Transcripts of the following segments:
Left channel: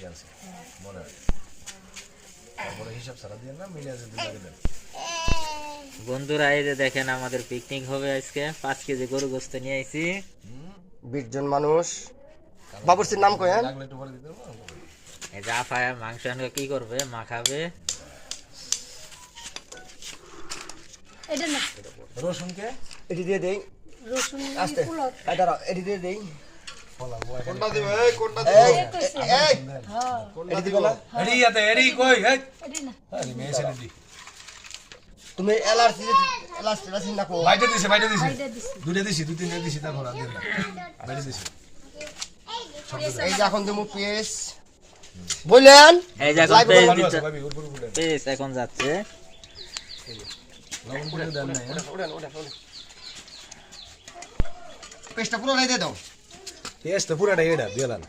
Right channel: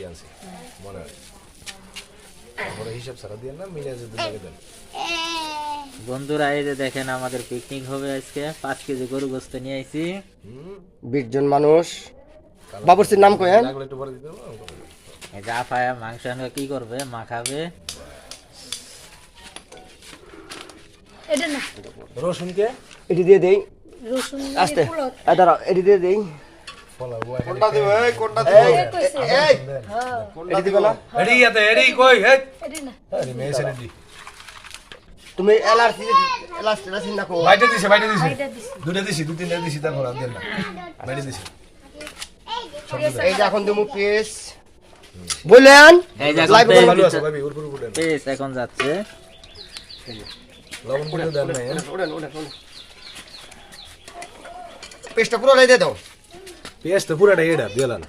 দিয়ে আনছি মনে হয় তারপরে হিসাব ছাড়া দিয়ে না মিলে যদি লাগে দেন বন্ধুরা এই যে দেখেন আমাদের পিকনিক হবে আজকে 5 কেজি গরু গোশত নিয়ে আইছি 20 জন মানুষ বাবুর্চির নাম কয়েন লাগলে একটু পরে দিতে হবে এই যে আফায়া মাংস আনবে কি করবে মাখাবে এটা না রসুন কে এটি দিয়ে দেই রসুন আস্তে এই দাঁড়াও এটি দিয়ে দেই ফলাবো কোনটা দিবে এই কোনটা দিবে এই এই হ্যাঁ এটি দিবে না এডি ইয়াতে এডি কই হে এটা না আরে মেসে দি তুমি এলার্জি না কো বাইটে দিছে এটা দিছি দুটো দিছি দুই তিনটা দিছি তারপর আর দেন না বাইটে দিছি এই যে এখন তুমি পেস বলেন এই যে লাইভ এখন ভালো আছে ভাবি উপর উপর দেন পেস এখন যাচ্ছে লবণ করে দেন না পেস্টটা পুরো লই দিয়ে দাও পেস্ট তো পুরাটা এডা দিলাম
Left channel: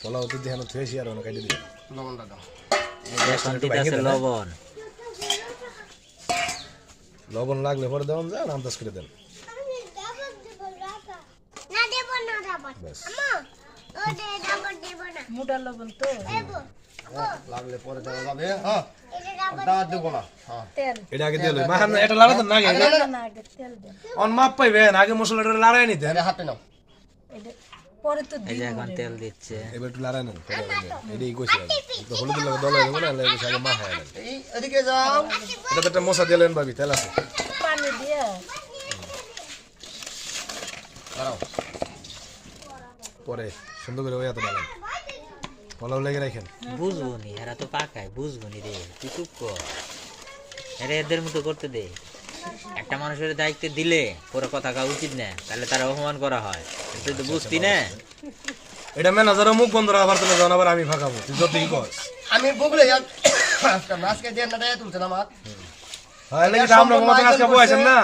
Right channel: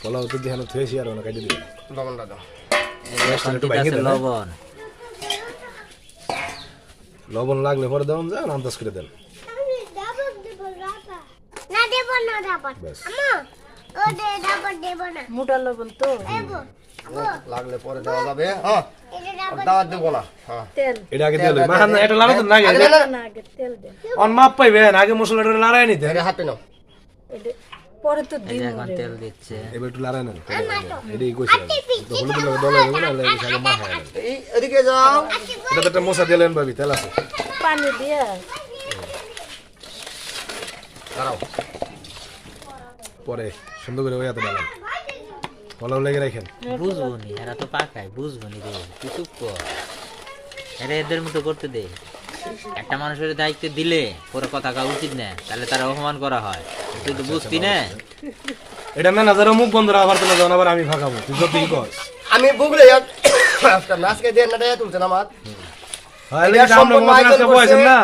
ফলাও তো দেখানো থুয়েছি আর ওনা কাটি দিলাম লবণটা দাও পেস্ট একটু দিতেছে ভাঙে দেন লবণ লবণ লাগলে পরে দেন যা আন্দাজ করে দেন বাস মোটা লবণ তো লাগলে পরে দেওয়া যাবে হ্যাঁ আর দাওয়াত দেব না হ্যাঁ তেল এটা আগে দিলে মাখান এটা লাগাতেন না আগে না আগে তেল দেন অন মাপ পাইবেন আগে মশলাটা লাড়াই নিতে এটা হাতে নাও এটা পরে তো এই দিন যে এখন তেল দিচ্ছে এবার একটু লাড়াই নেন এটাই কইছি তো হলুদ লাগে দলা দেবো না লাগে আগে মাখায় নেন এই এদিকে যাও এটা তো একটা মশলা দিলেন ভাবি তেল আছে পানি দিয়ে দাঁড়াও পরে সুন্দর করে ওই হাতে ডালেন ফলাও লেগে রাখেন বুঝবনি এরা তো পাকায় বুঝবনি রে তুই চুপ কর আরে এদের মতো করতে দে একটা মানুষের দায়িত্ব দিলে পরে কথা কা উচিত না তাহলে তারা অপমান করা হয় তুই তো বুঝতি না এটা ম্যানেজারও মুখ বন্ধ রাখার জন্য যখন আবার আমি ফাঁকাবো তুই যতই কর আমি বুগলে আজকে নাচকে দেন না দেয় তুলছেন আমার হ্যাঁ লেগে আমরা কমাতে আজকে বয়সেন না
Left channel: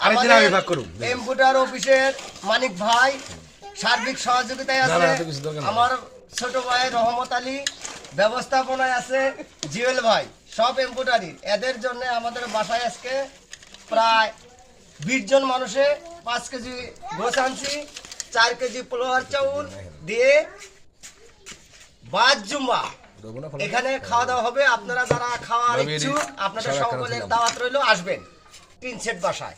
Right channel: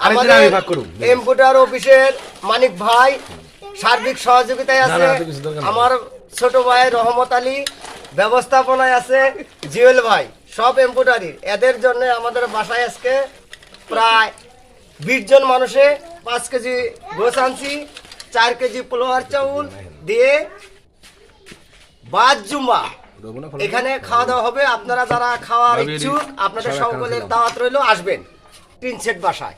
আরেকদিন আমি ভাগ করুম এমপুটার অফিসের মানিক ভাই সার্বিক সহযোগিতায় না, আছে না, এত কিছু দরকার নেই। আমার ছোট ভাই রহমত আলী ব্যবস্থাপনায় আছে জিওল ভাই সব এমপুটারির এদের জন্য আমাদের বাসায় আজকে প্রায় 20 জন মানুষে 5 কেজি গোছ আনছি 4 কেজি পোলোয়ার চাউল দিয়ে বাদ জুম্মা এখানে খাওয়া দাওয়া হবে আপনারা যারা খাওয়ার ইচ্ছুক আপনাদের সকলের দাওয়াত রইল আসবেন 3 সেট বাসায়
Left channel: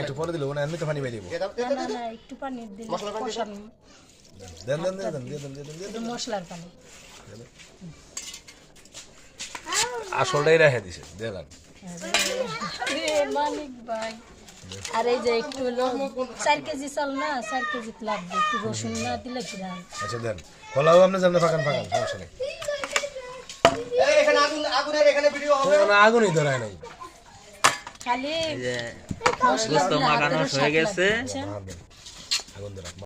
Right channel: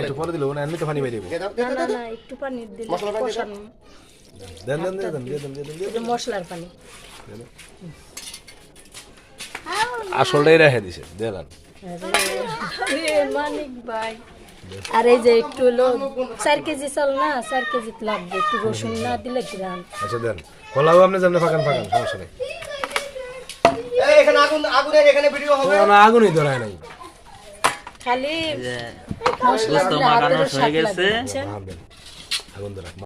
একটু পরে দিল না এমনি তো পানি বাইরে দিয়ে দাও, দিয়ে না দাও, না দিয়ে দাও। না একটু পানি দিলে মশলা পানি কষানো দেন দেন দেন দেন দেন দেন এটা মশলার পানি আসলটাই রেখে দিছে দেন আরে মানিক ভাই আর এই যে একটু হলো 4 কেজি চাল না 4 কেজি লাগবে একটু রসুন না দিলে গ্রাম আচ্ছা দেন ফলাও আপনি যেমন ফাঁকান ফাঁকান সমস্যা নেই এই এখানে আগুনের এখানে ভিডিও হবে না আগুনই ধরায় নাই খালি এই যে গোস্ত মাখানো হয়ে গেছে আগুন ধরা